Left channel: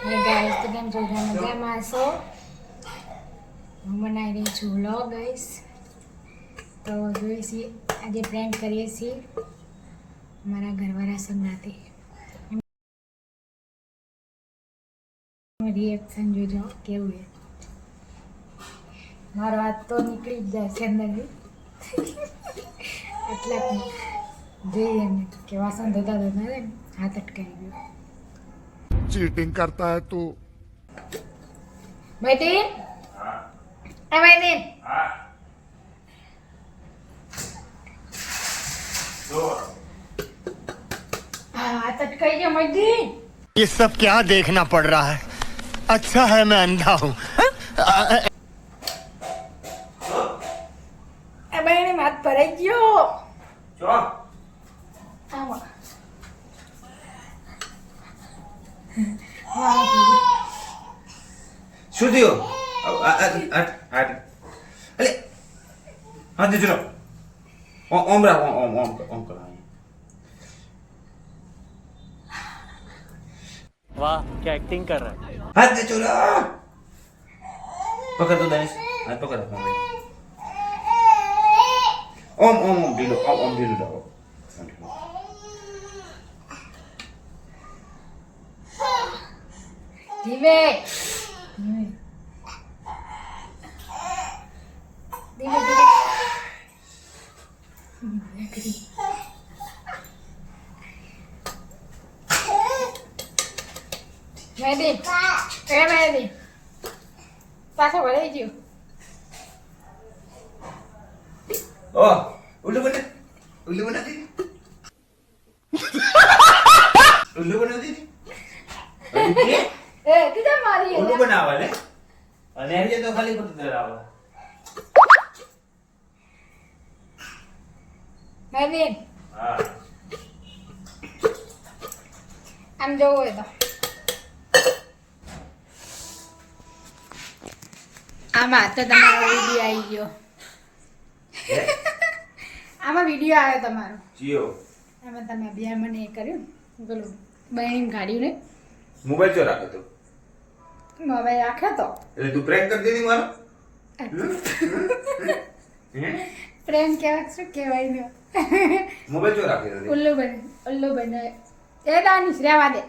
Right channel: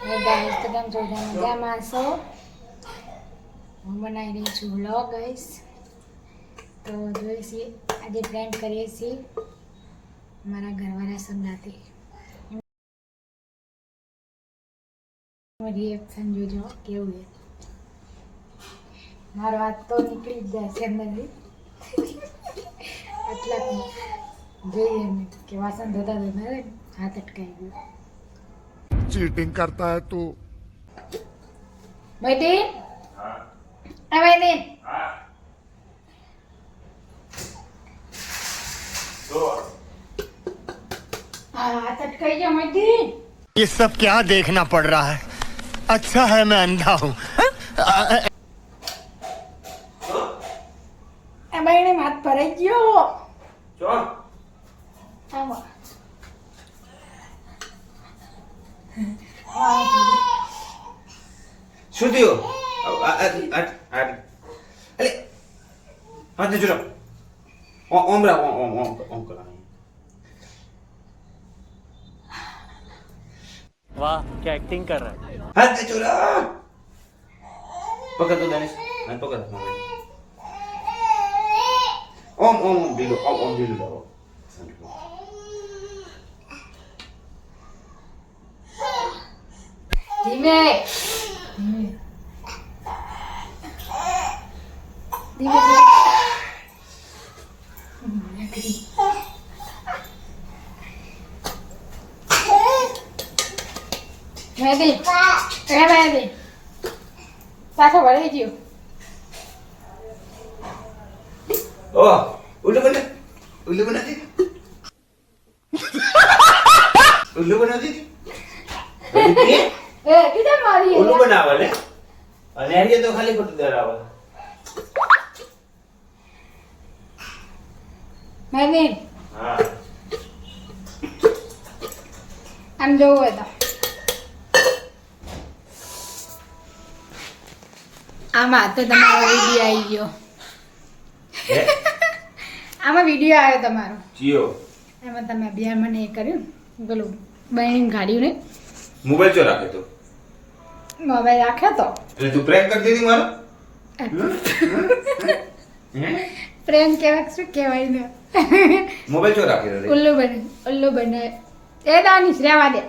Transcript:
Guys તો કેમ છો મજામાં છો? હું બનાવી રહી છું વ્લોગ ગાઈસ. તો જોઈએ છીએ આજે પ્રેન્ક કરીએ છીએ મારા ઘરવાળા સંગાતે. રિએક્શન જોજો કેવું છે. મારો હાથ તો નીકળી જ જાય છે અંદરથી આટલા જોઈએ એમ કે વાસણ ધોતા ધોતા હાથ અટકાઈ ગયો. चीटिंग करता है तू. बैठे बैठे हाथ अटकाई गया मैदी. ये सब क्या देखना पड़ रहा है? अच्छा है मैं अंधा हूँ. बहने हाथ भराई गयो. आवा શું થયું? અલે હાથ ચલો ઓમ રા ઓમ ઓમ ઓમ કરો. वाह क्या एक्टिंग कर रहा है. હાથ ચલો પકડ તો દાનિશ હાથ પકડ ઓમ ઓમ ઢીલો ઓમ ઓમ ઢીલો લાવો. ધીમે ધીમે ધીમે મહેદી મહેદી પાછો વળી ગયો. ઓ ઉલ્લુ બના ઉલ્લુ બનાતી ઉલ્લુ બનાતી એ કીધા મારી ઉલ્લુ બનાવે લે અને હરિયે તો ખાલી ખોટું ડરાવે. મહેદી હા આમ જોવું હોય તો આમાં તો તમારો વિડીયો આવી ગયો. આમાં વિડીયો આવ્યો તમારો જીઓ એમાં તમે અભિયાન મને એ કર્યું પેલું બહેન ગાડ્યું ને મોબાઈલ ચો રાખે તો મોબાઈલ રાખ્યો તો એટલે તું પ્રેન્ક કરતી હતી મારો. પ્રેમ કહેવાય શું કહેવાય ને મોબાઈલ ચો રાખે ઉલ્લુ બને એ દાનીશ રહેવા દે.